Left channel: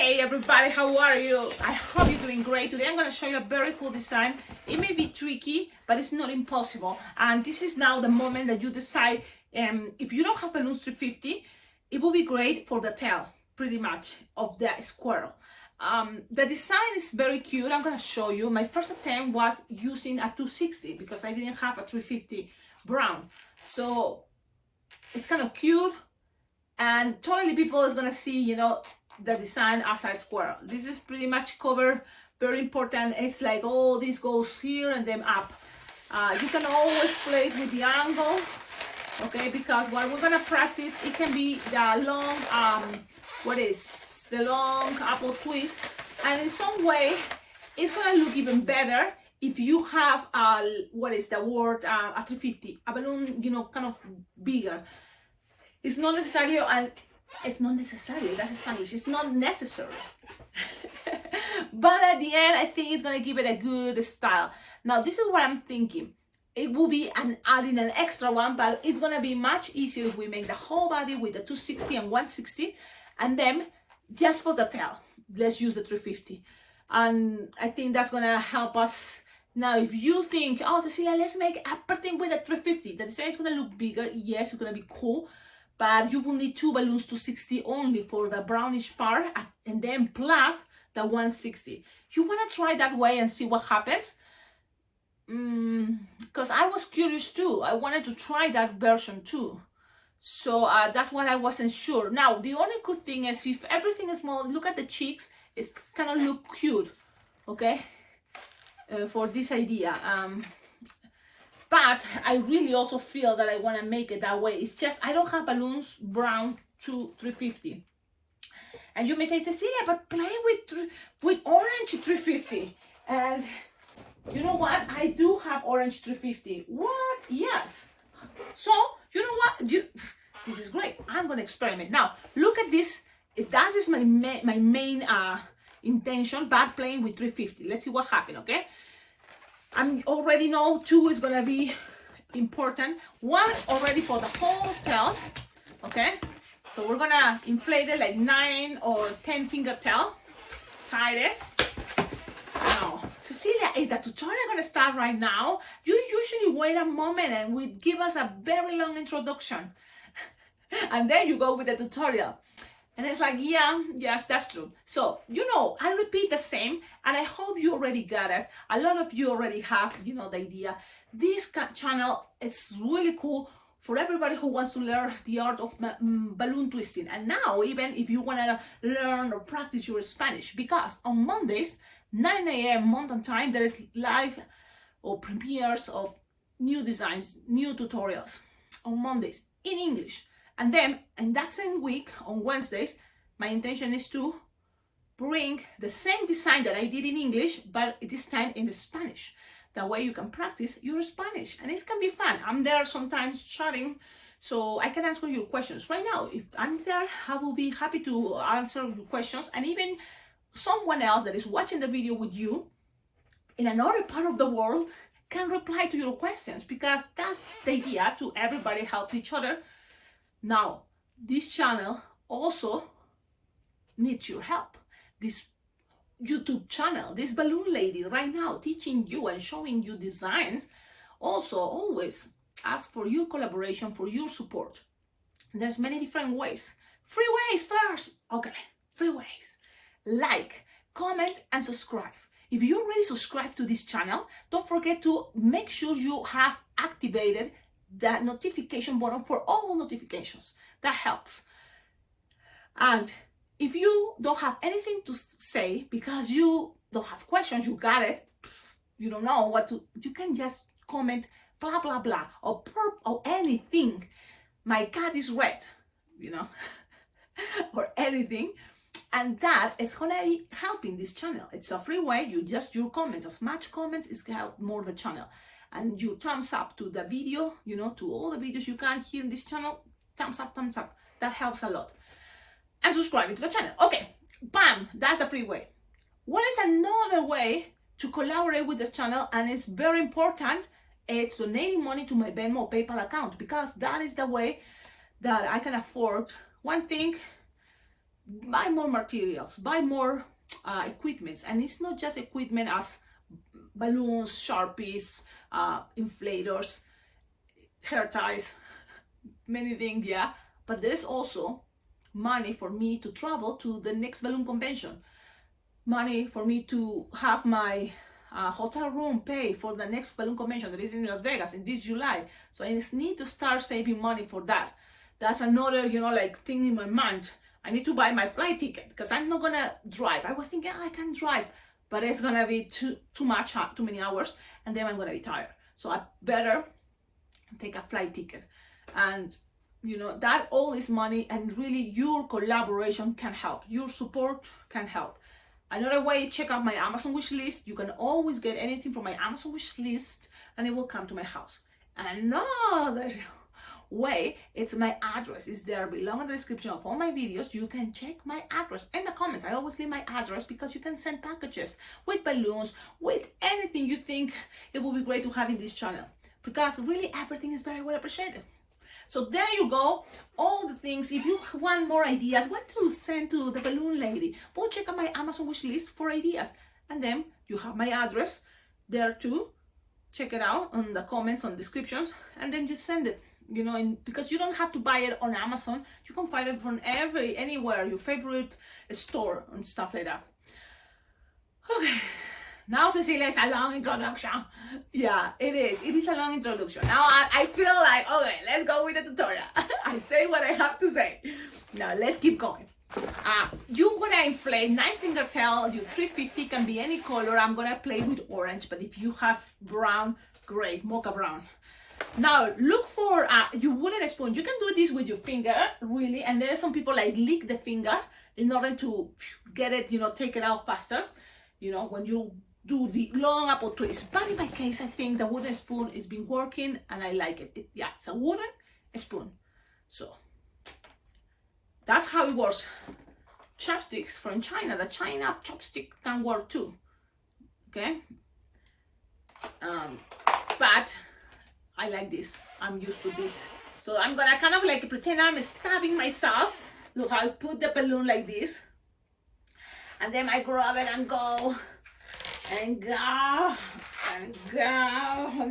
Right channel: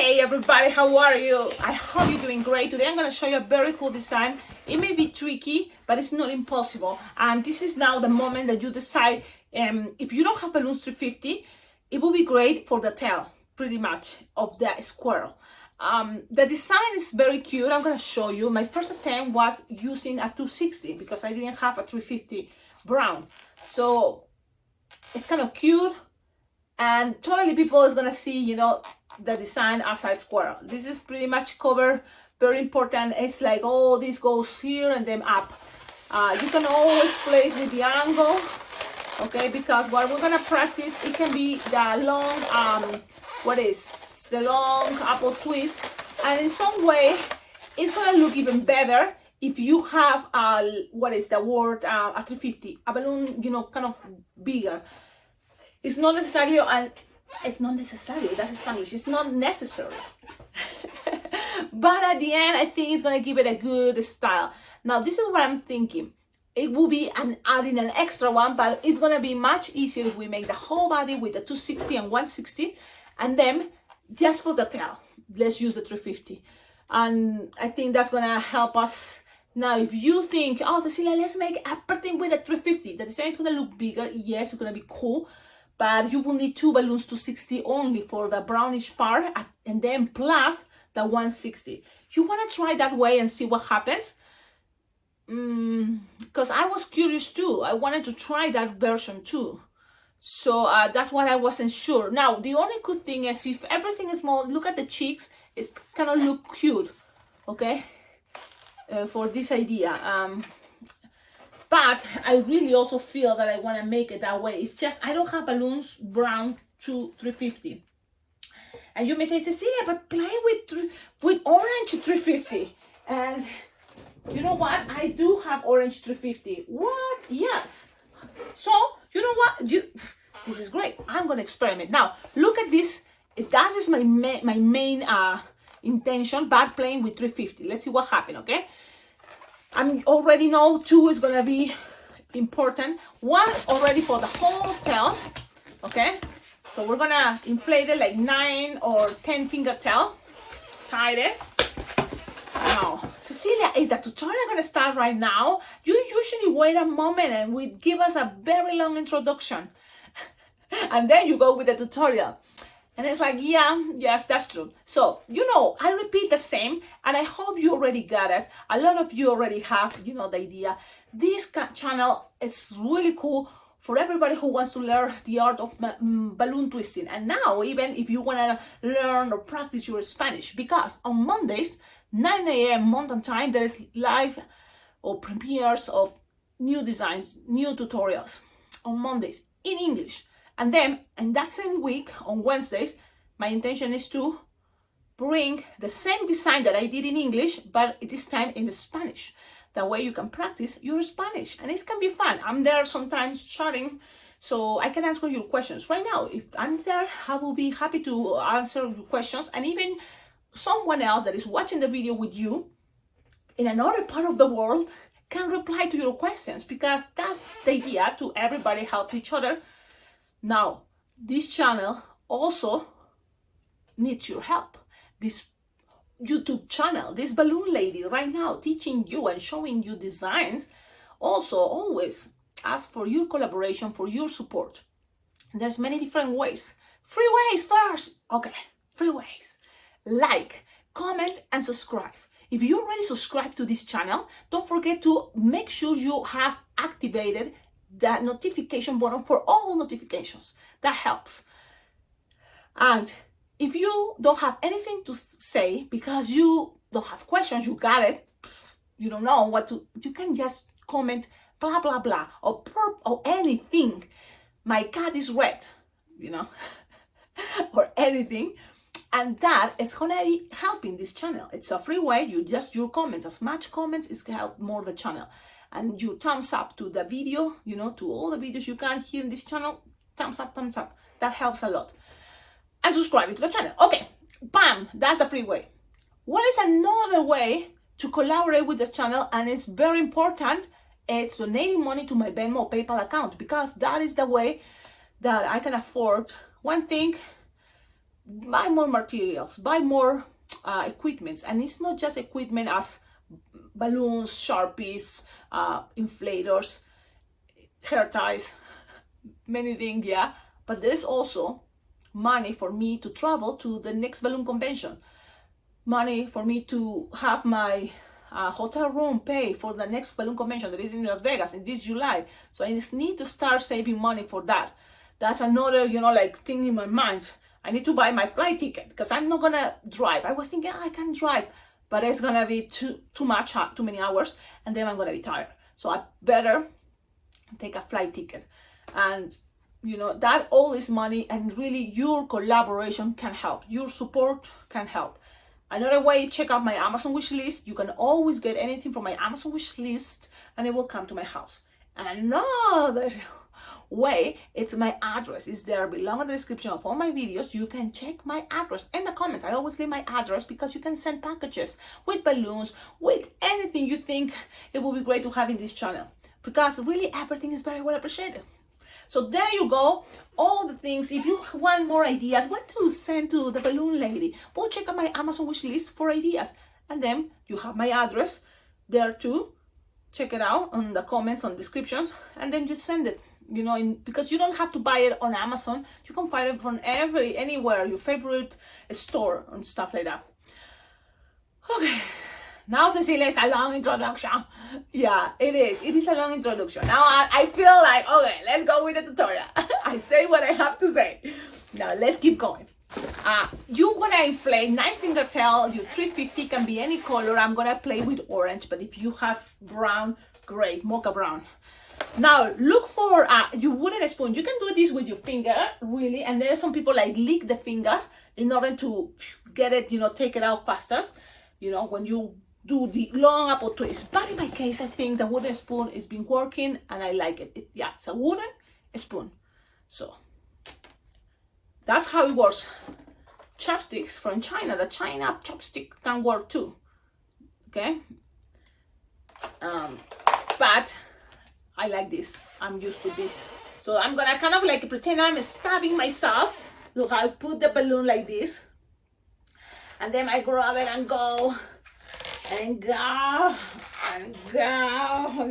Hey everybody, how are you? I hope you're doing great. Today I'm going to show you a very cool design. It may be tricky, but it's not impossible. And this is now the moment that you decide, if you don't have balloons 350, it will be great for the tail, pretty much, of the squirrel. The design is very cute. I'm going to show you. My first attempt was using a 260 because I didn't have a 350 brown. So it's kind of cute. And totally people is going to see, you know, the design as a squirrel. This is pretty much cover, very important. It's like, oh, this goes here and then up. You can always place with the angle, okay, because what we're gonna practice, it can be the long, the long apple twist, and in some way, it's gonna look even better if you have a 350, a balloon, you know, kind of bigger. It's not necessary, and it's not necessary, that's Spanish, it's not necessary. But at the end, I think it's gonna give it a good style. Now, this is what I'm thinking. It will be adding an extra one, but it's gonna be much easier if we make the whole body with the 260 and 160, and then just for the tail, let's use the 350. And I think that's gonna help us. Now, if you think, oh, Cecilia, let's make everything with a 350, the design is gonna look bigger, yes, it's gonna be cool, but you will need two balloons 260 only for the brownish part, and then plus the 160. You want to try that way and see what happens? Because I was curious too. I wanted to try that version too. So that's what I wasn't sure. Now, the only good thing is if everything is small, look at the cheeks. It's kind of look cute, okay? For this idea. But I really also feel that I want to make it that way. It's just I don't have balloons brown to 350. And you may say, Cecilia, but play with orange 350. And you know what? I do have orange 350. What? Yes. So, you know what? This is great. I'm going to experiment. Now, look at this. That is my main intention, but playing with 350. Let's see what happens, okay? I already know 2 is gonna be important. 1 already for the whole tail, okay? So we're gonna inflate it like 9 or 10 finger tail. Tie it. Now, Cecilia, is the tutorial gonna start right now? You usually wait a moment and we give us a very long introduction. And then you go with the tutorial. And it's like, yeah, yes, that's true. So, you know, I repeat the same, and I hope you already got it. A lot of you already have, you know, the idea. This channel is really cool for everybody who wants to learn the art of balloon twisting. And now, even if you want to learn or practice your Spanish, because on Mondays, 9 a.m. Mountain Time, there is live or premieres of new designs, new tutorials on Mondays in English. And then, in that same week, on Wednesdays, my intention is to bring the same design that I did in English, but this time in Spanish. That way you can practice your Spanish, and it can be fun. I'm there sometimes chatting, so I can answer your questions. Right now, if I'm there, I will be happy to answer your questions, and even someone else that is watching the video with you in another part of the world can reply to your questions, because that's the idea, to everybody help each other. Now, this channel also needs your help. This YouTube channel, this balloon lady right now teaching you and showing you designs, also always ask for your collaboration, for your support. There's many different ways. Free ways first. Okay, free ways. Like, comment, and subscribe. If you already subscribed to this channel, don't forget to make sure you have activated the notification button for all notifications. That helps. And if you don't have anything to say because you don't have questions, you got it, you don't know what to, you can just comment blah blah blah or anything. My cat is red, you know, or anything, and that is gonna be helping this channel. It's a free way. Your comments, as much comments is gonna help more the channel. And you thumbs up to the video, you know, to all the videos you can here in this channel. Thumbs up, thumbs up. That helps a lot. And subscribing to the channel. Okay, bam, that's the free way. What is another way to collaborate with this channel, and it's very important, it's donating money to my Venmo or PayPal account, because that is the way that I can afford one thing buy more materials, buy more equipments. And it's not just equipment as balloons, Sharpies, inflators, hair ties, many things, yeah. But there's also money for me to travel to the next balloon convention, money for me to have my hotel room paid for the next balloon convention that is in Las Vegas in this July. So I just need to start saving money for that. That's another, like thing in my mind. I need to buy my flight ticket because I'm not gonna drive. I was thinking, I can drive, but it's gonna be too many hours, and then I'm gonna be tired. So I better take a flight ticket. And that all is money, and really your collaboration can help. Your support can help. Another way is check out my Amazon wish list. You can always get anything from my Amazon wish list and it will come to my house. And another way, it's my address. It's there below in the description of all my videos. You can check my address in the comments. I always leave my address because you can send packages with balloons, with anything you think it would be great to have in this channel, because really everything is very well appreciated. So there you go, all the things. If you want more ideas, what to send to the balloon lady, go check out my Amazon wish list for ideas. And then you have my address there too. Check it out on the comments, on descriptions, and then just send it. Because you don't have to buy it on Amazon. You can find it from anywhere, your favorite store and stuff like that. Okay. Now, Cecilia, it's a long introduction. Yeah, it is. It is a long introduction. Now, I feel like, okay, let's go with the tutorial. I say what I have to say. Now, let's keep going. You want to inflate 9-finger tail. Your 350 can be any color. I'm going to play with orange, but if you have brown, great, mocha brown. Now, look for your wooden spoon. You can do this with your finger, really. And there are some people like lick the finger in order to get it, take it out faster. When you do the long apple twist. But in my case, I think the wooden spoon has been working and I like it. It's a wooden spoon. So that's how it works. Chopsticks from China. The China chopstick can work too. Okay. But I like this. I'm used to this. So I'm gonna kind of like pretend I'm stabbing myself. Look, I'll put the balloon like this. And then I grab it and go. And go. And go.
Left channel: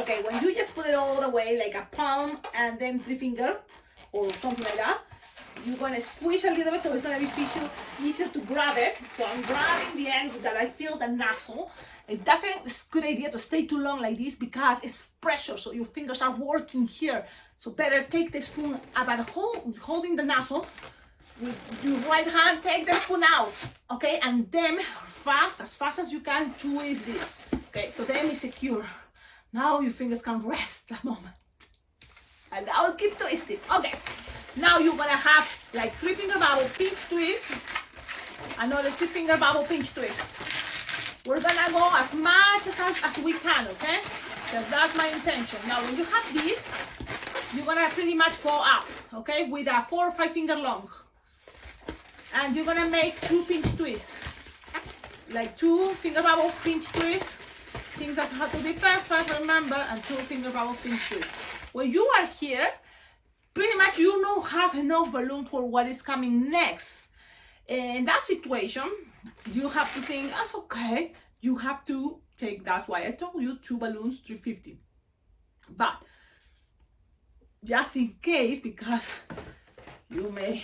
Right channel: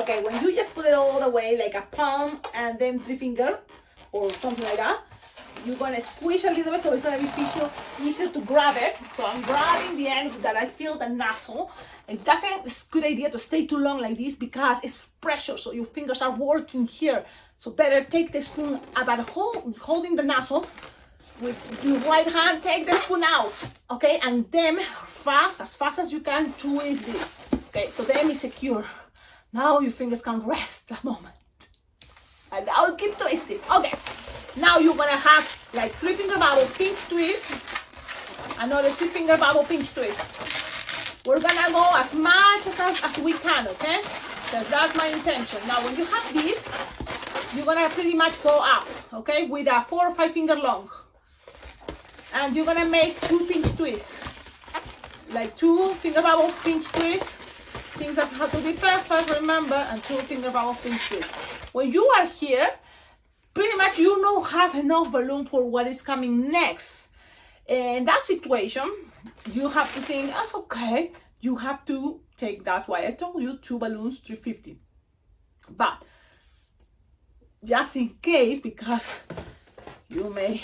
Okay, when you just put it all the way, like a palm and then 3-finger or something like that, you're gonna squish a little bit so it's gonna be easier to grab it. So I'm grabbing the end that I feel the nozzle. It's a good idea to stay too long like this because it's pressure, so your fingers are working here. So better take the spoon about holding the nozzle with your right hand, take the spoon out, okay? And then as fast as you can, twist this. Okay, so then it's secure. Now your fingers can rest a moment. And I'll keep twisting. Okay, now you're gonna have like 3-finger bubble pinch twist, another 3-finger bubble pinch twist. We're gonna go as much as we can, okay? Because that's my intention. Now, when you have this, you're gonna pretty much go up, okay? With a 4 or 5-finger long. And you're gonna make 2 pinch twists. Like 2-finger bubble pinch twists. Things that have to be perfect, remember, and 2-finger bubble pinch twist. When you are here, pretty much you don't have enough balloon for what is coming next. In that situation, you have to think, that's okay. You have to take, that's why I told you 2 balloons, 350. But just in case, because you may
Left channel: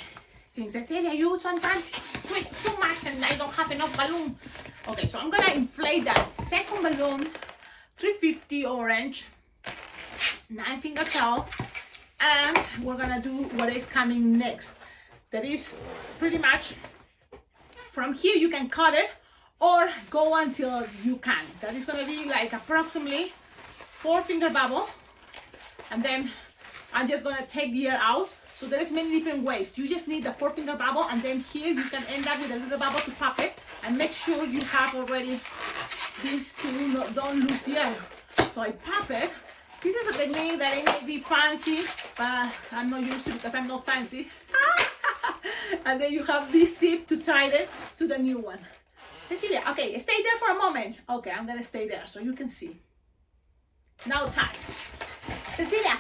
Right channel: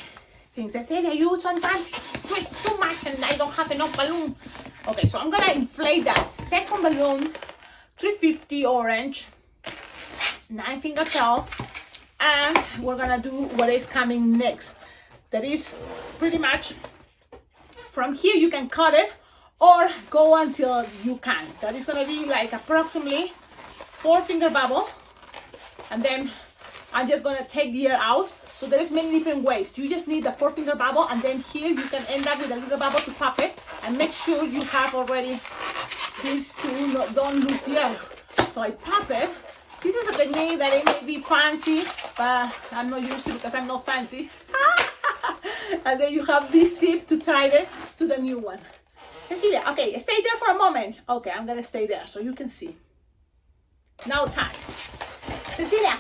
think, Cecilia, you sometimes twist too much and I don't have enough balloon. Okay, so I'm gonna inflate that second balloon, 350 orange, 9-finger tail, and we're gonna do what is coming next. That is pretty much from here. You can cut it or go until you can. That is gonna be like approximately 4-finger bubble, and then I'm just gonna take the air out. So there's many different ways. You just need the 4-finger bubble, and then here you can end up with a little bubble to pop it, and make sure you have already this to don't lose the air. So I pop it. This is a technique that it may be fancy, but I'm not used to because I'm not fancy. And then you have this tip to tie it to the new one. Cecilia, okay, stay there for a moment. Okay, I'm gonna stay there so you can see. Now tie. Cecilia,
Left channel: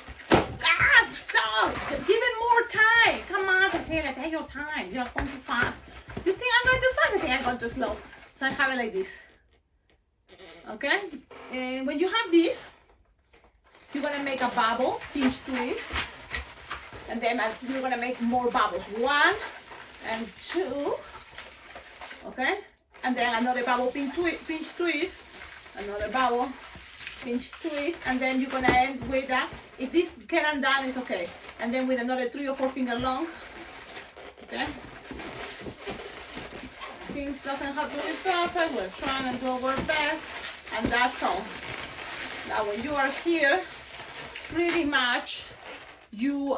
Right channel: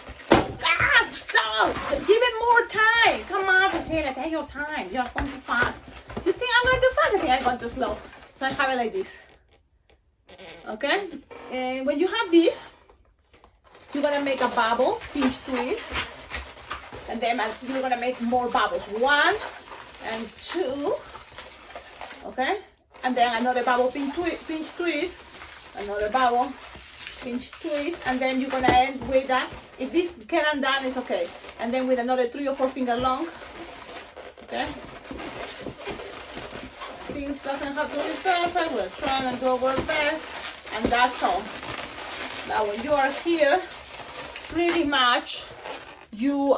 so give it more time. Come on, Cecilia, take your time. You're going too fast. You think I'm going too fast? I think I'm going too slow. So I have it like this. Okay? And when you have this, you're gonna make a bubble, pinch twist. And then you're gonna make more bubbles. 1 and 2. Okay? And then another bubble, pinch twist. Another bubble, pinch twist. And then you're gonna end with that. If this get undone, it's okay. And then with another 3 or 4 finger long. Okay? Things doesn't have to be perfect. We're trying to do our best. And that's all. Now when you are here, pretty much you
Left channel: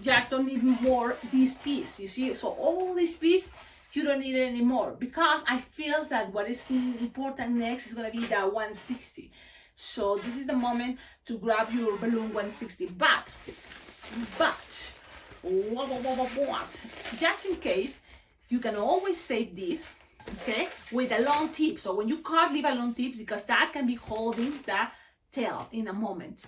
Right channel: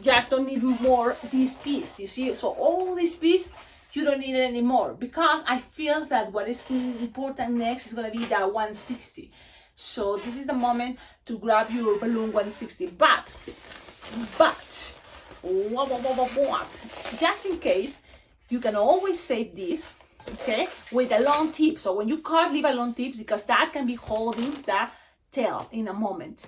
just don't need more this piece, you see. So all this piece you don't need it anymore, because I feel that what is important next is going to be that 160. So this is the moment to grab your balloon 160. But what, just in case, you can always save this, okay, with a long tip. So when you cut, leave a long tip, because that can be holding the tail in a moment.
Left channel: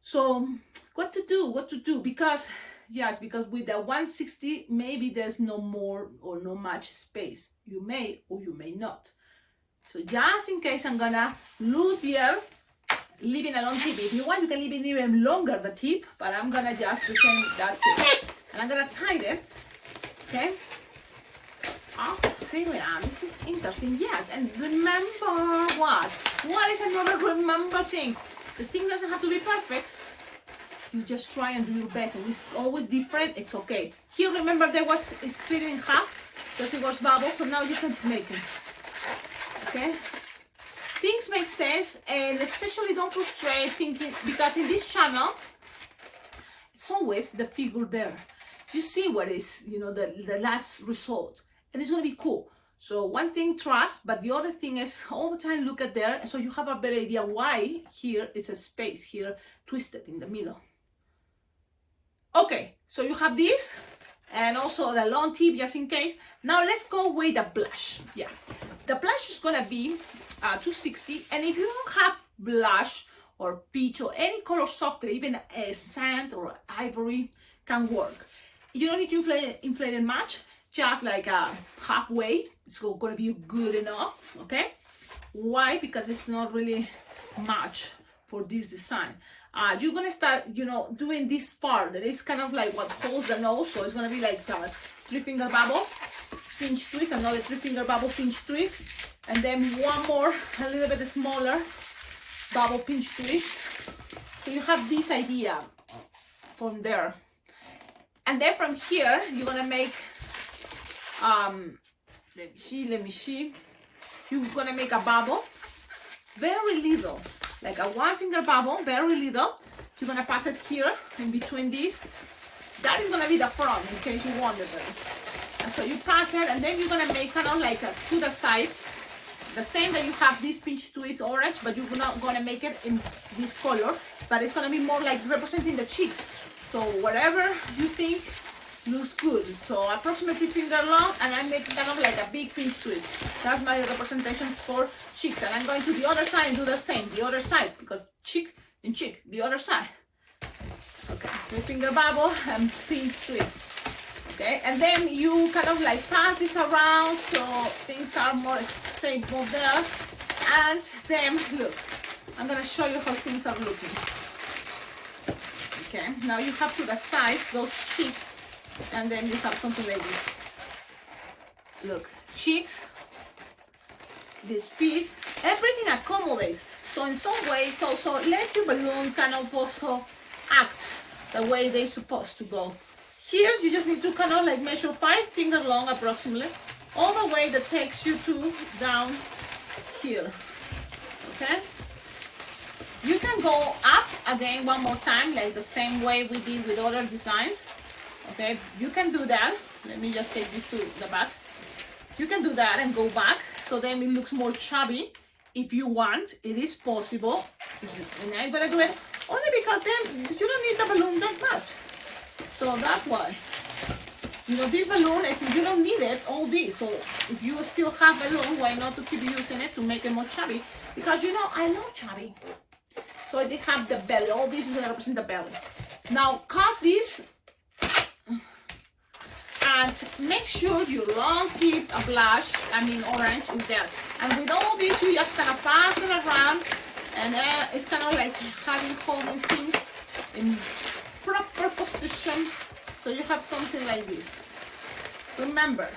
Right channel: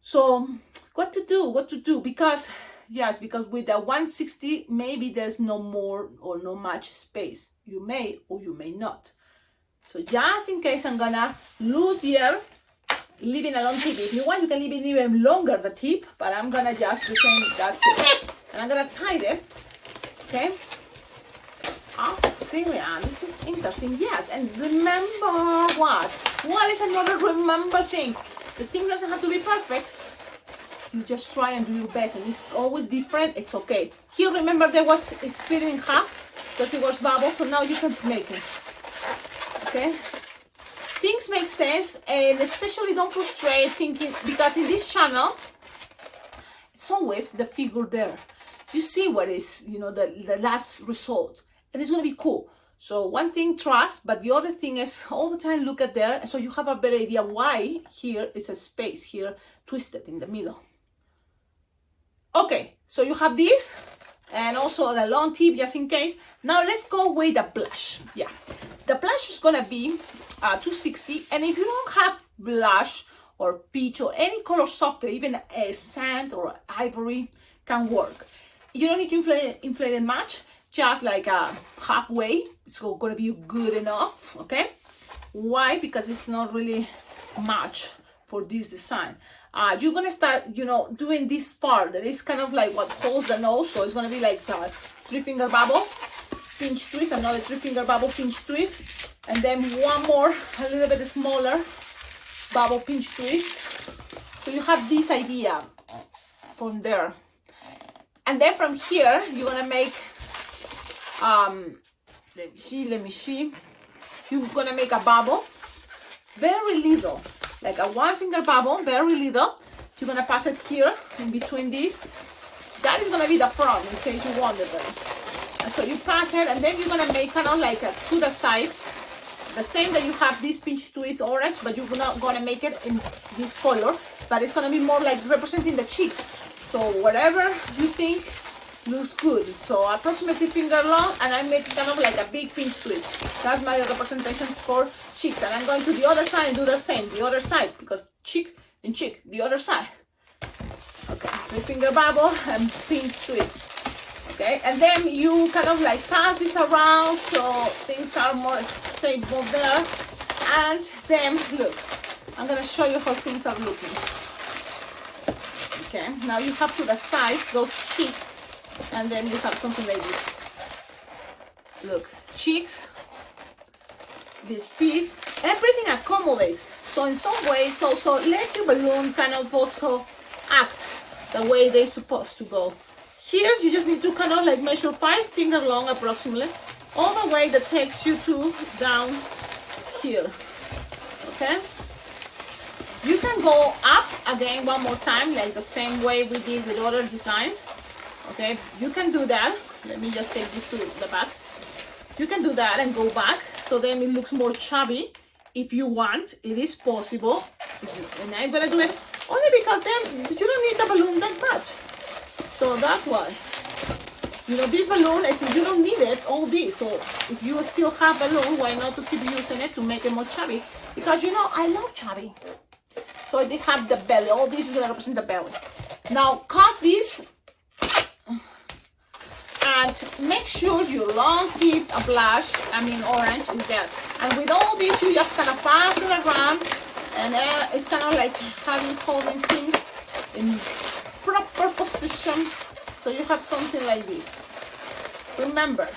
So what to do, because yes, because with the 160 maybe there's no more or no much space. You may or you may not. So just in case, I'm gonna lose here, leaving a long tip. If you want, you can leave it even longer, the tip, but I'm gonna just retain that tip. And I'm gonna tie it, okay? Oh, Cecilia, this is interesting. Yes, and remember what? What is another remember thing? The thing doesn't have to be perfect. You just try and do your best, and it's always different. It's okay. Here, remember, there was split in half because it was bubble, so now you can make it. Okay? Things make sense, and especially don't frustrate thinking, because in this channel, it's always the figure there. You see what is, you know, the last result, and it's gonna be cool. So one thing, trust, but the other thing is all the time look at there, so you have a better idea why here is a space here twisted in the middle. Okay, so you have this, and also the long tip just in case. Now let's go with the blush. Yeah, the blush is gonna be 260, and if you don't have blush or peach or any color softer, even a sand or ivory can work. You don't need to inflate it much, just like halfway. It's gonna be good enough, okay? Why? Because it's not really much for this design. You're gonna start, you know, doing this part that is kind of like what holds the nose. So it's gonna be like the 3-finger bubble, pinch twist, another 3-finger bubble, pinch twist, and then one more, a little bit smaller bubble, pinch twist. So you have this idea from there, and then from here you're gonna make let me see. You're gonna make a bubble, very little, like a 1-finger bubble, very little. You're gonna pass it here in between these. That is gonna be the front, in case you wondered. And so you pass it, and then you're gonna make kind of like to the sides, the same that you have this pinch twist orange, but you're not gonna make it in this color, but it's gonna be more like representing the cheeks. So whatever you think looks good. So approximately finger long, and I make kind of like a big pinch twist. That's my representation for cheeks. And I'm going to the other side and do the same, the other side, because cheek and cheek, the other side. Okay, 3-finger bubble and pinch twist. Okay, and then you kind of like pass this around so things are more stable there. And then look, I'm gonna show you how things are looking. Okay, now you have to the sides those cheeks, and then you have something like this. Look, cheeks, this piece, everything accommodates. So in some ways also let your balloon kind of also act the way they're supposed to go. Here you just need to kind of like measure 5-finger long approximately, all the way that takes you to down here. Okay, you can go up again one more time, like the same way we did with other designs. Okay, you can do that. Let me just take this to the back. You can do that and go back, so then it looks more chubby. If you want, it is possible. And I'm gonna do it only because then you don't need the balloon that much. So that's why. You know, this balloon is, you don't need it, all this. So if you still have balloon, why not to keep using it to make it more chubby? Because, you know, I love chubby. So they have the belly. All this is gonna represent the belly. Now cut this And make sure your long tip blush, orange, is there. And with all this, you just kind of pass it around, and it's kind of like holding things in proper position, so you have something like this. Remember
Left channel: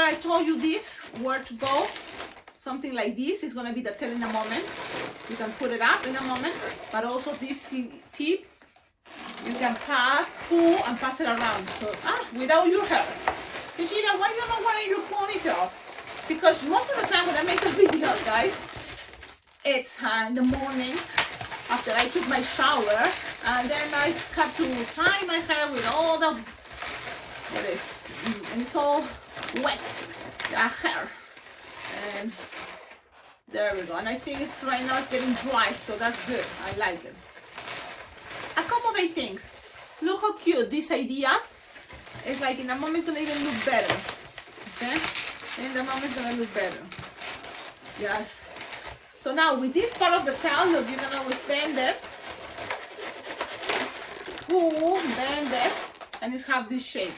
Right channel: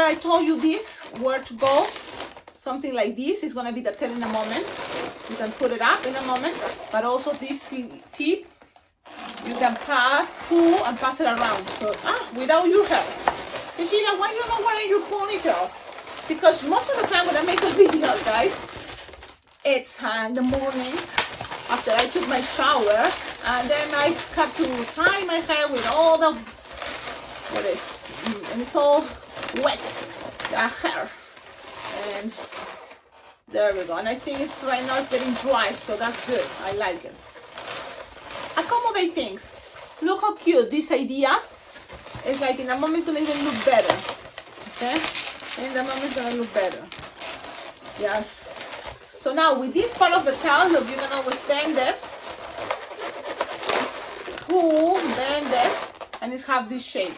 I told you this, where to go. Something like this is going to be the tail in a moment. You can put it up in a moment, but also this tip, you can pull and pass it around. So, without your hair. Cecilia, why you not wearing your ponytail? Because most of the time when I make a video, guys, it's in the mornings after I took my shower, and then I have to tie my hair with all the, and it's all wet, the hair. And there we go. And I think right now it's getting dry, so that's good. I like it. Accommodate things. Look how cute this idea. It's like in a moment it's gonna even look better. Okay? In the moment it's gonna look better. Yes. So now with this part of the towel, look, you can always bend it. Pull, bend it, and it's have this shape.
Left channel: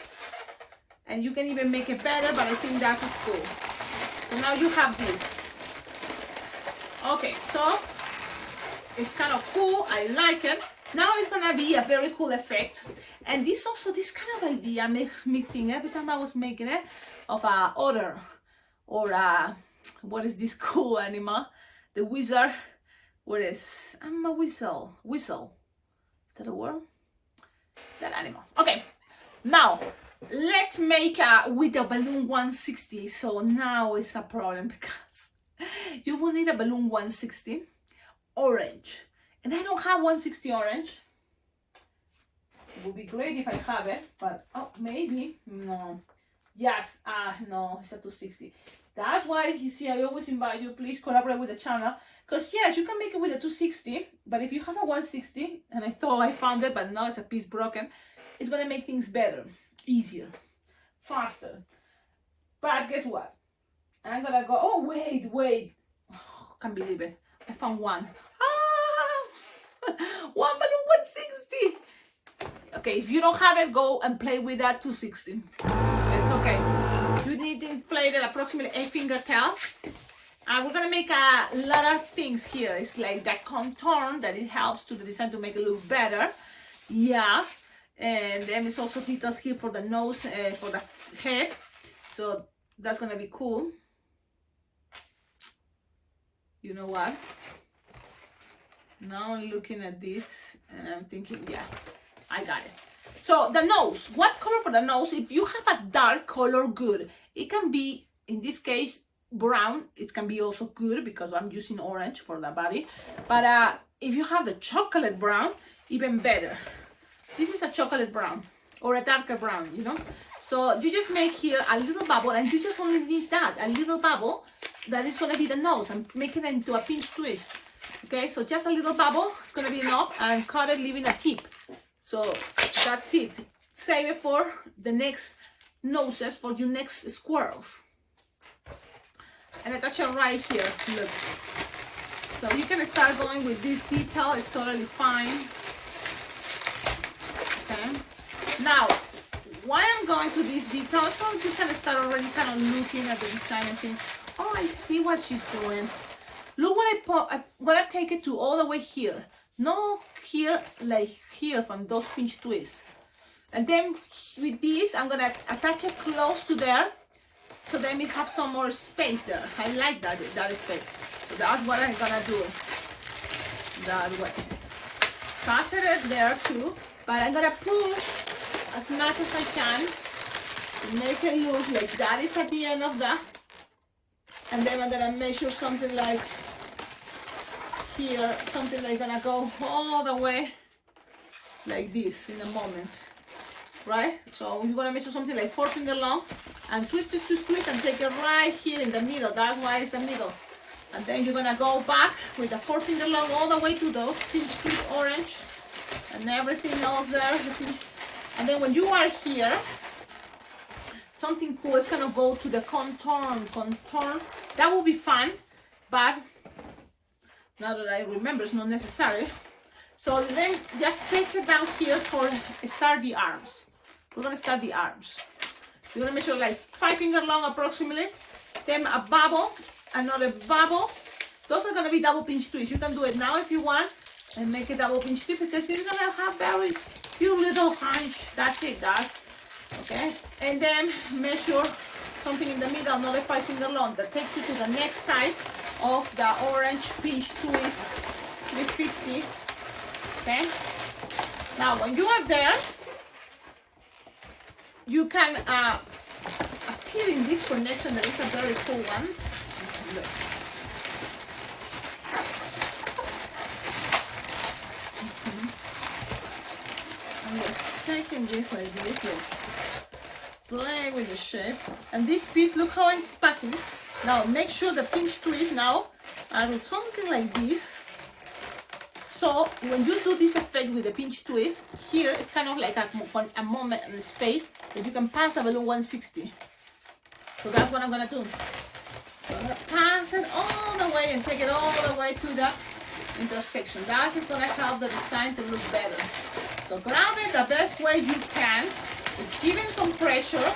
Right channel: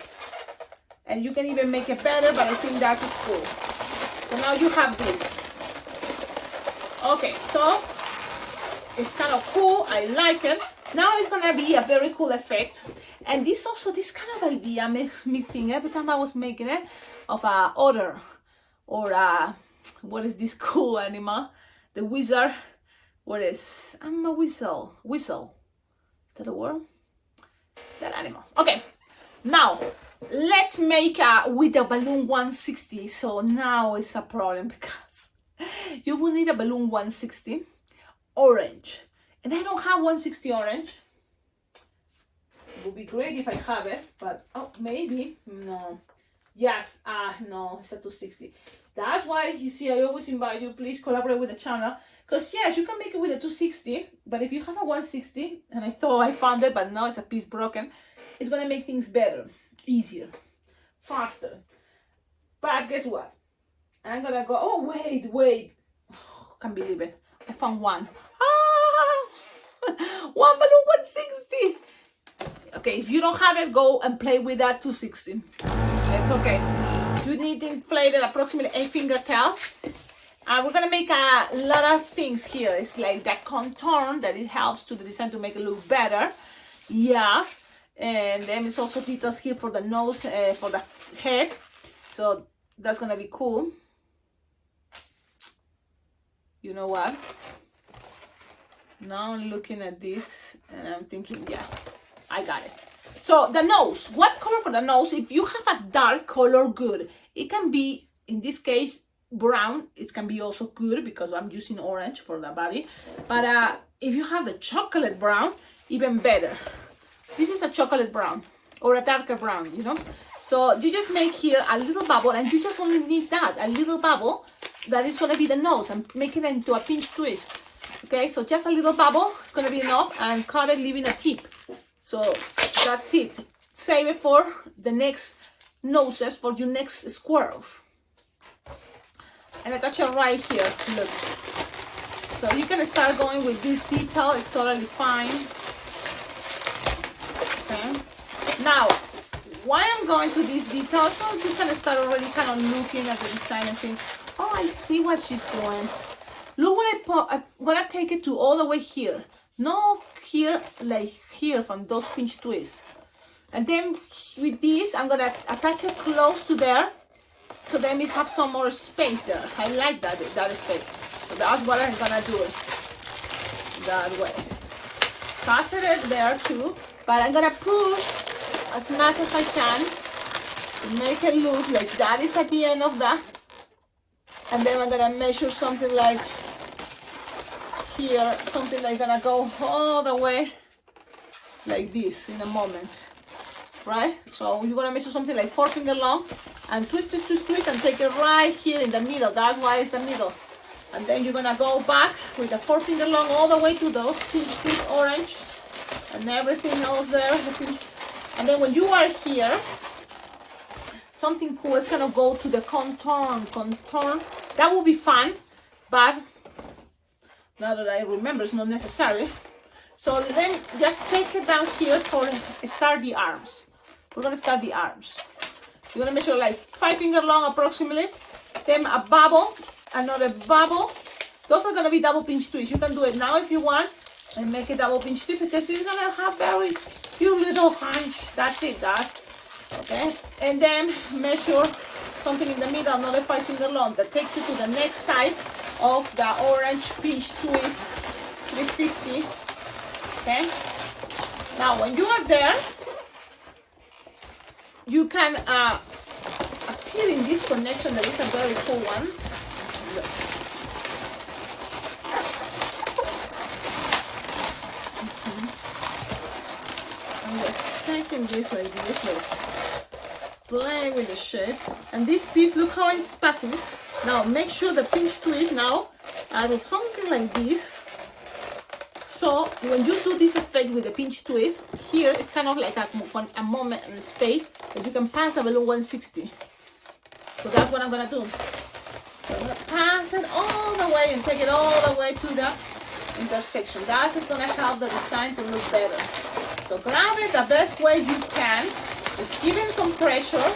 And you can even make it better, but I think that is cool. So now you have this. Okay, so it's kind of cool. I like it. Now it's gonna be a very cool effect. And this kind of idea makes me think every time I was making it of a otter or what is this cool animal? The wizard. What is? I'm a whistle. Whistle. Is that a word? That animal. Okay. Now let's make with a balloon 160. So now it's a problem because you will need a balloon 160 orange, and I don't have 160 orange. It would be great if I have it, but maybe no. Yes, no, it's a 260. That's why you see I always invite you, please collaborate with the channel, because yes, you can make it with a 260, but if you have a 160, and I thought I found it, but now it's a piece broken, it's gonna make things better, easier, faster. But guess what? I'm gonna go, oh wait, can't believe it, I found one. One balloon 160. Okay, if you don't have it, go and play with that 260. It's okay. You need to inflate it approximately 8 finger tail. And we're gonna make a lot of things here. It's like that contour that it helps to the design to make it look better. Yes. And then it's also details here for the nose, for the head. So that's gonna be cool. You know what? Now I'm looking at this and I'm thinking, yeah, I got it. So the nose, what color for the nose? If you have a dark color, good. It can be, in this case, brown. It can be also good because I'm using orange for the body. But if you have the chocolate brown, even better. This is a chocolate brown or a darker brown, you know. So you just make here a little bubble, and you just only need that, a little bubble that is gonna be the nose, and make it into a pinch twist. Okay, so just a little bubble is gonna be enough, and cut it, leaving a tip. So that's it. Save it for the next noses, for your next squirrels. And attach it right here, look. So you can start going with this detail, it's totally fine. Okay. Now, why I'm going to this detail, so you can start already kind of looking at the design and think, oh, I see what she's doing. Look what I put, I'm gonna take it to all the way here. No here, like here from those pinch twists. And then with this, I'm gonna attach it close to there. So then we have some more space there. I like that effect. So that's what I'm gonna do it. That way. Pass it there too. But I'm gonna push as much as I can to make it look like that is at the end of that. And then I'm gonna measure something like here, something like gonna go all the way like this in a moment, right? So you're gonna measure something like 4 finger long and twist, and take it right here in the middle. That's why it's the middle. And then you're gonna go back with the 4 finger long all the way to those pinch twist orange and everything else there. And then when you are here, something cool is gonna go to the contour. That will be fun, but now that I remember, it's not necessary. So then just take it down here for start the arms. we're gonna start the arms. You're gonna measure like 5 finger long approximately. Then a bubble, another bubble. Those are gonna be double pinch twists. You can do it now if you want and make a double pinch twist because it's gonna have very few little hunch. That's it, guys. Okay, and then measure something in the middle, another 5 finger long. That takes you to the next side of the orange pinch twist 350. Okay, now when you are there, you can appear in this connection. That is a very cool one. Look. I'm just taking this like this, look. Play with the shape. And this piece, look how it's passing. Now make sure the pinch twist now are with something like this. So when you do this effect with the pinch twist, here it's kind of like a moment in space that you can pass a balloon 160. So that's what I'm gonna do. So I'm gonna pass it all the way and take it all the way to the intersection. That's just gonna help the design to look better. So grab it the best way you can. Is give it some pressure.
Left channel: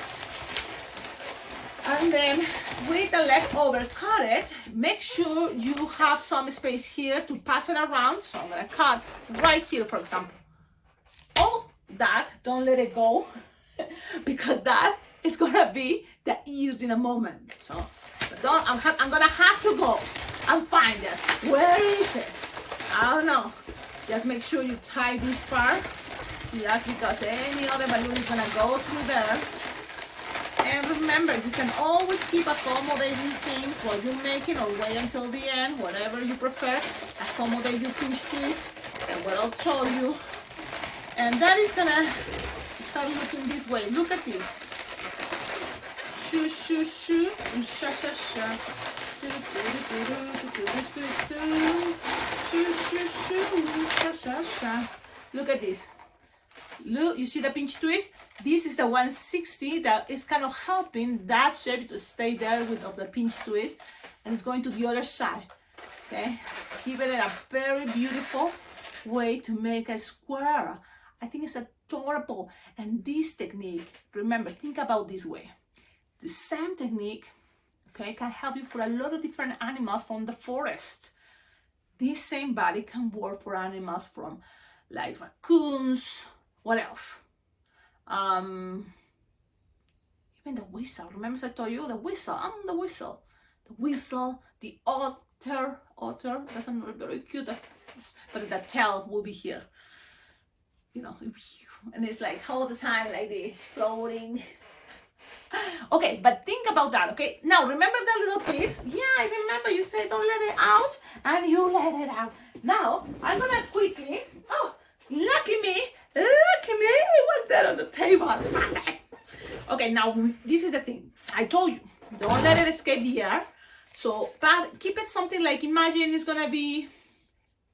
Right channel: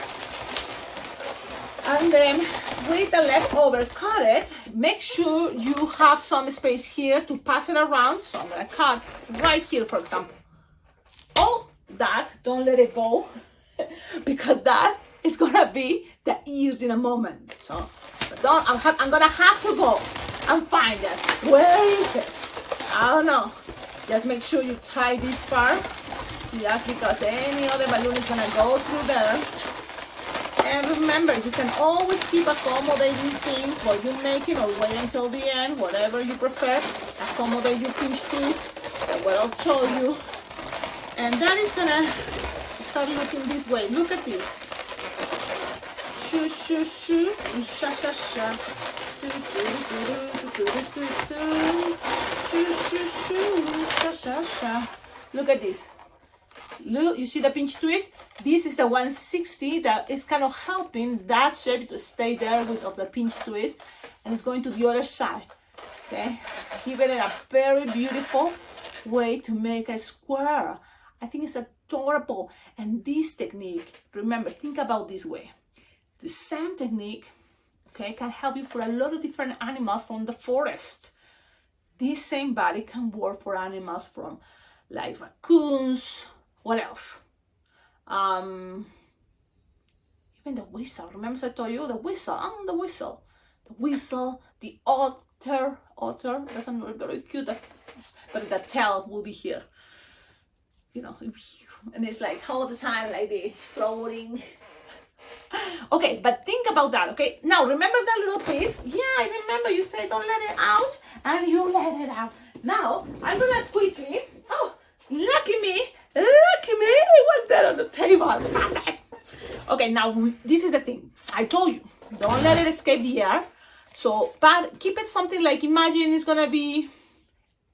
And then with the leftover, cut it. Make sure you have some space here to pass it around. So I'm gonna cut right here, for example. Oh, that, don't let it go because that is gonna be the ears in a moment. So I'm gonna have to go and find it. Where is it? I don't know. Just make sure you tie this part. Just because any other balloon is gonna go through there. And remember, you can always keep accommodating things while you're making, or wait until the end, whatever you prefer. Accommodate your pinch twist, that what I'll show you. And that is gonna start looking this way. Look at this. Shoo, shoo, shoo, sha, sha, sha. Shoo, shoo, shoo, sha, sha, sha. Look at this. Look, you see the pinch twist? This is the 160 that is kind of helping that shape to stay there with of the pinch twist, and it's going to the other side. Okay, give it a very beautiful way to make a squirrel. I think it's adorable. And this technique, remember, think about this way. The same technique, okay, can help you for a lot of different animals from the forest. This same body can work for animals from like raccoons. What else? Even the whistle. Remember I told you the whistle? The whistle. The whistle, the otter. Otter, that's not very cute, but the tail will be here. You know, and it's like all the time like this, floating. Okay, but think about that, okay? Now, remember that little piece? Yeah, I remember you said don't let it out, and you let it out. Now, I'm gonna quickly, oh, lucky me, what's that on the table? Okay, now, this is the thing. I told you, don't let it escape the air. So, but keep it something like, imagine it's gonna be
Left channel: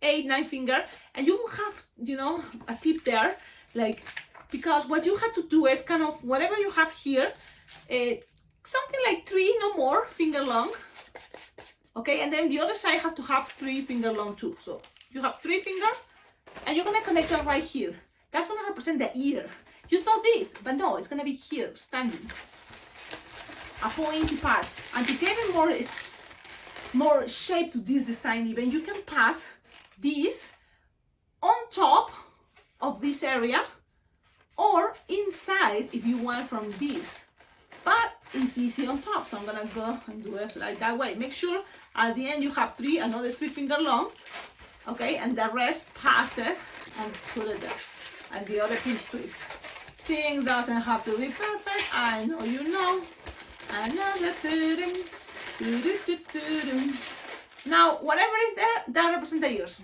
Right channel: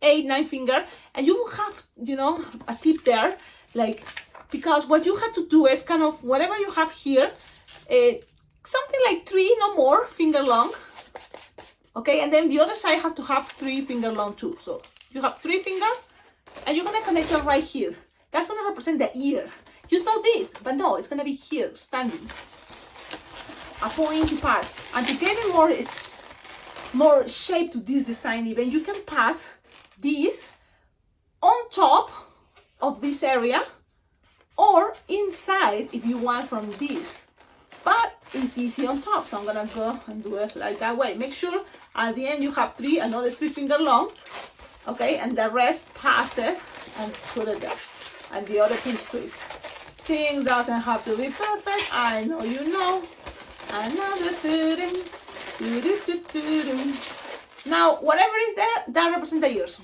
8, 9 finger, and you will have, you know, a tip there, like, because what you have to do is kind of, whatever you have here, something like 3, no more, finger long. Okay, and then the other side have to have 3 finger long too. So you have 3 fingers, and you're gonna connect them right here. That's gonna represent the ear. You thought this, but no, it's gonna be here, standing. A pointy part. And to give it more shape to this design even, you can pass this on top of this area, or inside if you want from this. But it's easy on top, so I'm gonna go and do it like that way. Make sure at the end you have 3, another 3 finger long, okay, and the rest pass it and put it there. And the other pinch twist. Things doesn't have to be perfect. I know you know. Another now, whatever is there, that represents the ears.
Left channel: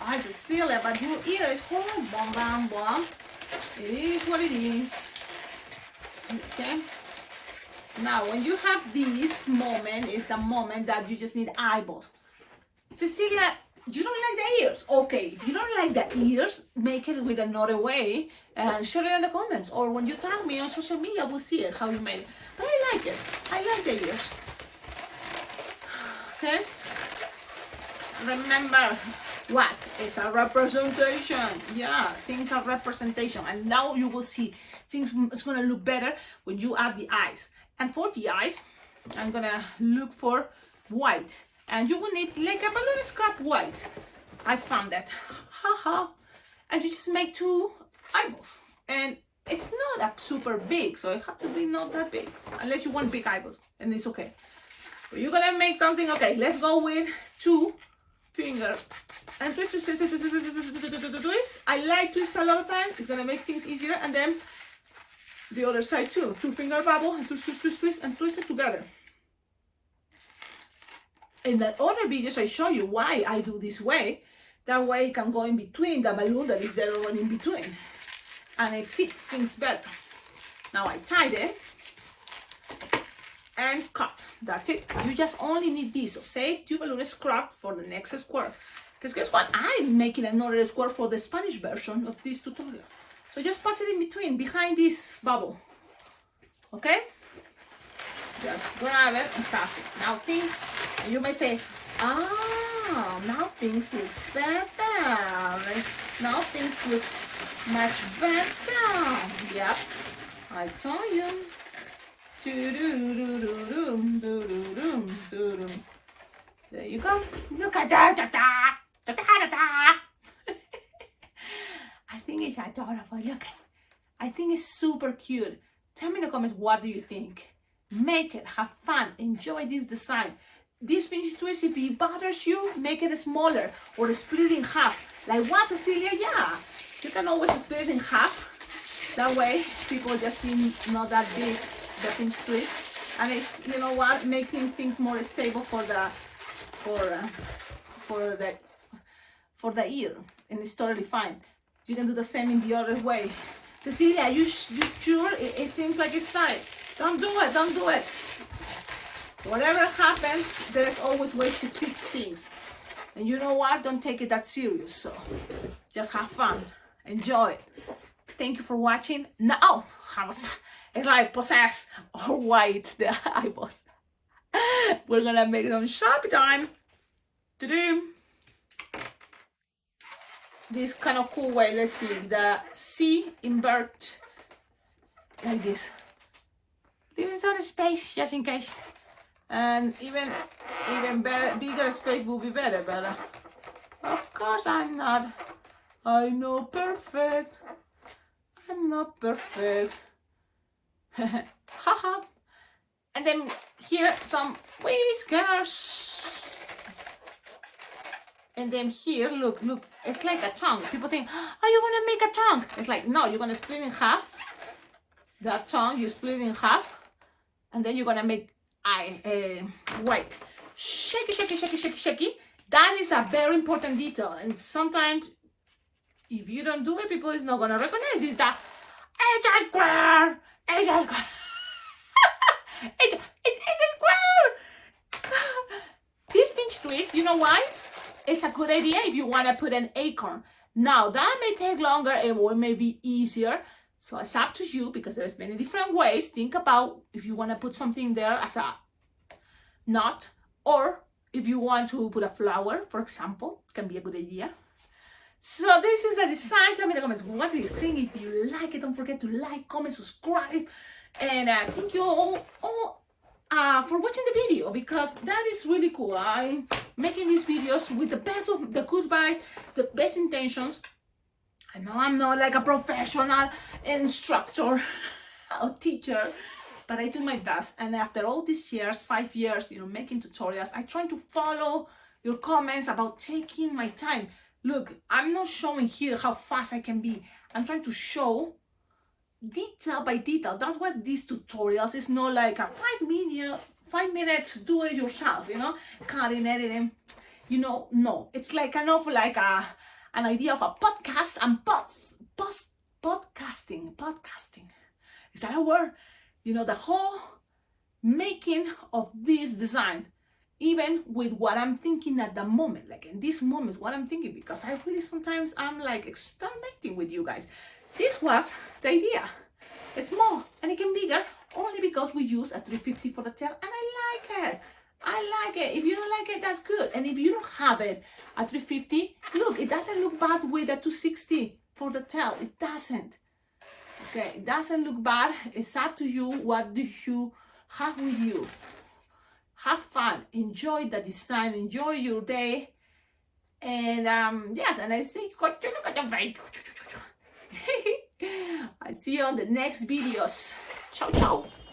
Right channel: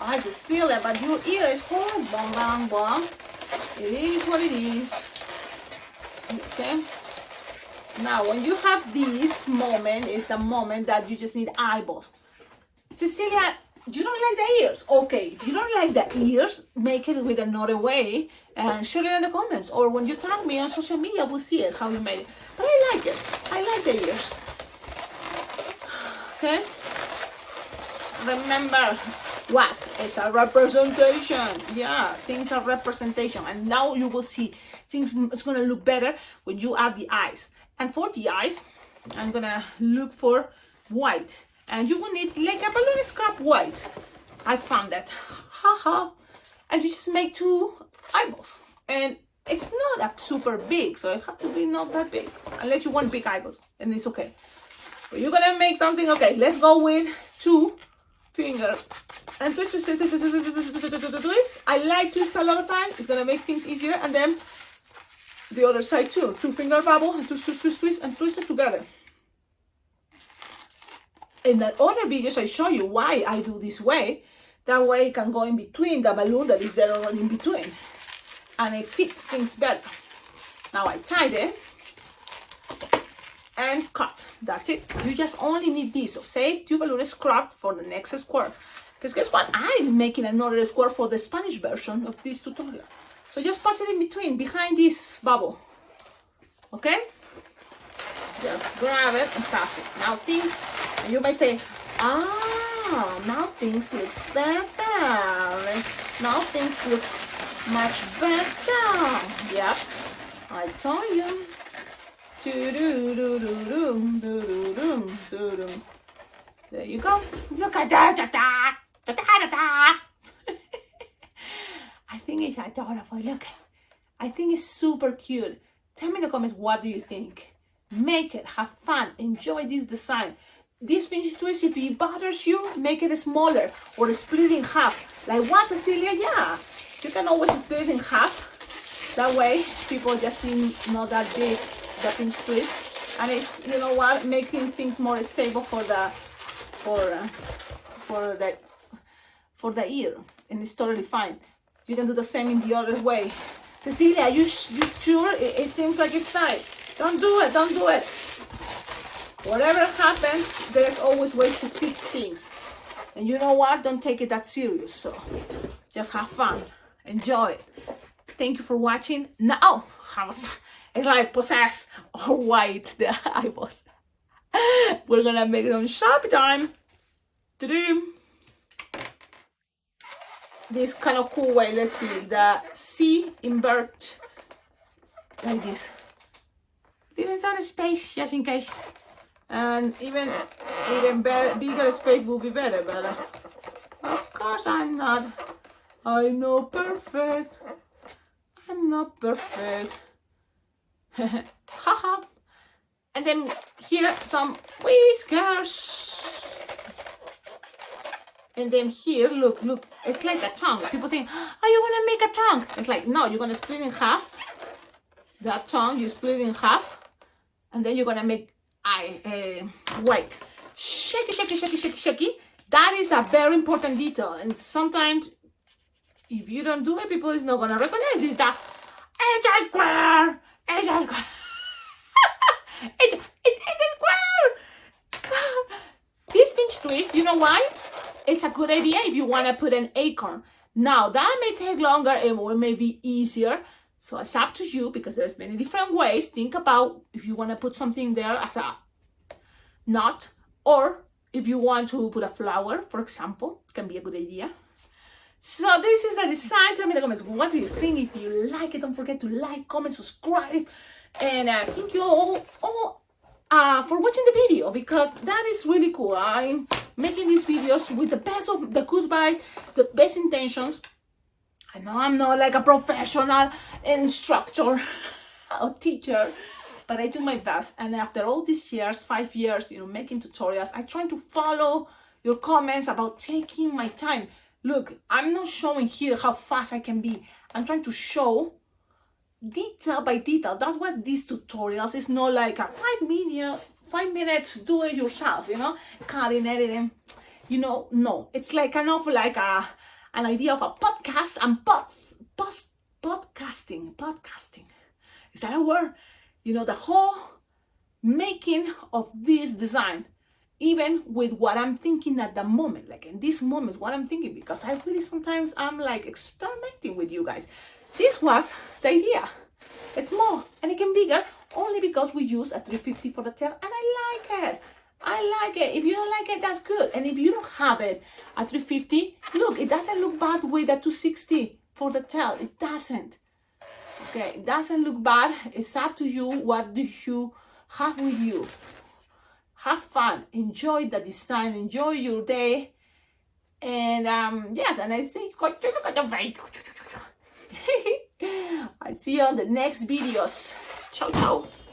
I just seal it, but your ear is horrible. Bum, bum, bum. It is what it is. Okay. Now, when you have this moment, is the moment that you just need eyeballs. Cecilia, you don't like the ears? Okay, if you don't like the ears, make it with another way and share it in the comments. Or when you tag me on social media, we'll see it, how you made it. But I like it. I like the ears. Okay? remember what? It's a representation. Yeah, things are representation. And now you will see things, it's gonna look better when you add the eyes. And for the eyes, I'm gonna look for white. And you will need like a balloon scrap white. I found that. Haha. And you just make 2 eyeballs. And it's not a super big, so it have to be not that big. Unless you want big eyeballs, and it's okay. But you're gonna make something, okay, let's go with 2 fingers. And twist, twist, twist, twist, twist, twist, twist, twist, twist. I like twist a lot of time. It's gonna make things easier. And then the other side too. 2 finger bubble, and twist, twist, twist, twist, and twist it together. In that other videos, I show you why I do this way. That way it can go in between the balloon that is there already in between. And it fits things better. Now I tied it and cut. That's it. You just only need this. So save your balloon scrap for the next square. Because guess what? I'm making another square for the Spanish version of this tutorial. So just pass it in between, behind this bubble. Okay? Just grab it and pass it. Now things, and you might say, now things looks better. Now things looks much better. Yep, I told you. There you go. Look at that. I think it's adorable. Look, I think it's super cute. Tell me in the comments, what do you think? Make it, have fun, enjoy this design. This pinch twist, if it bothers you, make it smaller or split it in half. Like what, Cecilia? Yeah, you can always split it in half. That way, people just see not that big, the pinch twist. And it's, you know what, making things more stable for the ear. And it's totally fine. You can do the same in the other way. Cecilia, you sure it seems like it's tight? Don't do it, don't do it. Whatever happens, there's always ways to fix things. And you know what? Don't take it that serious. So just have fun. Enjoy it. Thank you for watching. Now, it's like possessed or white, the eyeballs. We're gonna make them sharp time. This kind of cool way. Let's see. The C invert like this. Leaving some space just in case. And even better, bigger space will be better, but of course I'm not. I'm not perfect. I'm not perfect. Haha. And then here some whiskers. And then here, look, it's like a tongue. People think, are you gonna make a tongue? It's like, no, you're gonna split in half. That tongue, you split in half. And then you're gonna make white. Shaky, shaky, shaky, shaky, shaky. That is a very important detail. And sometimes, if you don't do it, people is not gonna recognize it. That it's a square. It's a square. it's a square. This pinch twist, you know why? It's a good idea if you want to put an acorn. Now, that may take longer and it may be easier. So it's up to you because there's many different ways. Think about if you want to put something there as a knot, or if you want to put a flower, for example, can be a good idea. So this is a design. Tell me in the comments, what do you think? If you like it, don't forget to like, comment, subscribe. And thank you all for watching the video, because that is really cool. I'm making these videos with the best of the good vibe, the best intentions. I know I'm not like a professional instructor or teacher, but I do my best. And after all these years, 5 years, making tutorials, I try to follow your comments about taking my time. Look, I'm not showing here how fast I can be. I'm trying to show detail by detail. That's what these tutorials is. Not like a 5 minutes do it yourself, cutting, editing, no. It's like kind of like an idea of a podcast and podcasting. Is that a word? The whole making of this design, even with what I'm thinking at the moment, like in this moment, what I'm thinking, because I really sometimes I'm like experimenting with you guys. This was the idea. It's small and it can be bigger only because we use a 350 for the tail, and I like it. I like it. If you don't like it, that's good. And if you don't have it at 350, look, it doesn't look bad with a 260 for the tail. It doesn't. Okay, it doesn't look bad. It's up to you. What do you have with you? Have fun. Enjoy the design. Enjoy your day. And yes, and I think look at the very. I see you on the next videos. Ciao, ciao.